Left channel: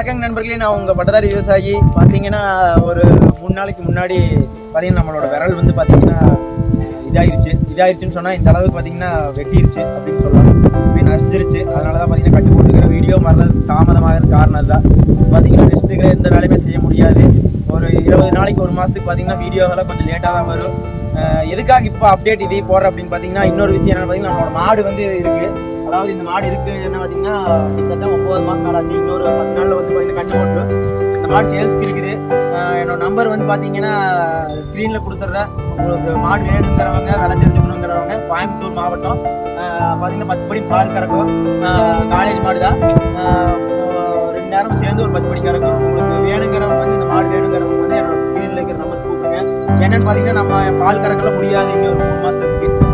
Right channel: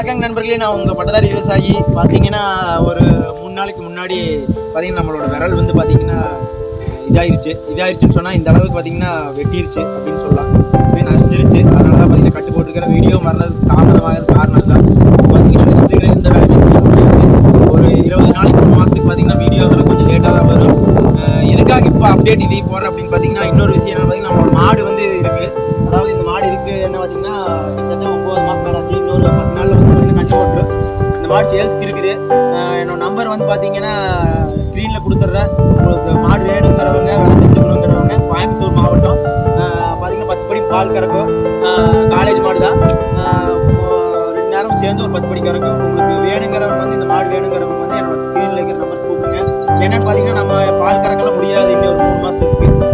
வணக்கங்க நண்பர்களே. நான் உங்கள் பட்டதாரி விவசாயி. பார்த்தீங்கன்னா ஒரு மூணு நாளைக்கு முன்னாடி பார்த்தீங்கன்னா நம்மளோட விரல் வந்து பார்த்தீங்கன்னா இதாயிருச்சு. இதாயிருச்சுன்னு சொன்னால் இந்த அளவுக்கு பார்த்தீங்கன்னா வெட்டிருச்சு அப்படின்னு சொல்லலாம். அப்படி நசிஞ்சிருச்சு. அதனால தான் பார்த்தீங்கன்னா கட்டு போட்டுக்கிற வீடியோ வர்றது தாமதமாக காரணம் தான். பார்த்தீங்கன்னா நெக்ஸ்ட்டு எந்த வேலையுமே செய்ய முடியாது. ஒரு இருபது நாளைக்கு ஒரு மாதத்துக்கு பார்த்தீங்கன்னா வீடியோவில் கொஞ்சம் லேட்டாக தான் வரும். எதுக்காக இப்போ அப்டேட் இதே போடுற அப்படின்னு பார்த்தீங்கன்னா இன்னொரு விஷயம் என்ன பார்த்தீங்கன்னா நம்மளோட மாடு வந்து இருக்குது அதாவது இந்த மாடு இருக்கு என்ன பார்த்தீங்கன்னா கிட்டத்தட்ட ஒம்பது மாதம் மேலே ஆச்சு. இன்னொரு பத்து நாளில் வந்து பார்த்தீங்கன்னா கட்டி போட்டு இந்த மாடு சேல்ஸ்க்கு இருக்குது. என்னோட நம்பர் வந்து பார்த்தீங்கன்னா ஸ்க்ரீனில் கொடுத்துட்றேன். உங்களுக்கு மாடு வேணுங்கிறவங்க விலை தெரிஞ்சுக்கணுங்கிறவங்க கோயம்புத்தூர் மாவட்டம். பார்த்தீங்கன்னா பத்து படி பால் கறக்கும். காலேஜ் மாடு தான். ரெண்டு நேரம் சேர்ந்து ஒரு பத்து படி கறக்கும். உங்களுக்கு வேணுங்கிறவங்க வந்து இந்த மாடு வேணுங்கிறவங்க வந்து என்னோட ஸ்க்ரீனில் இருக்கிற நம்பர் கூப்பிடுங்க. என்னென்னு பார்த்தீங்கன்னா நம்ம பால் கறக்கலாம் முடியாது இன்னும் ஒரு மூணு மாதத்துக்கு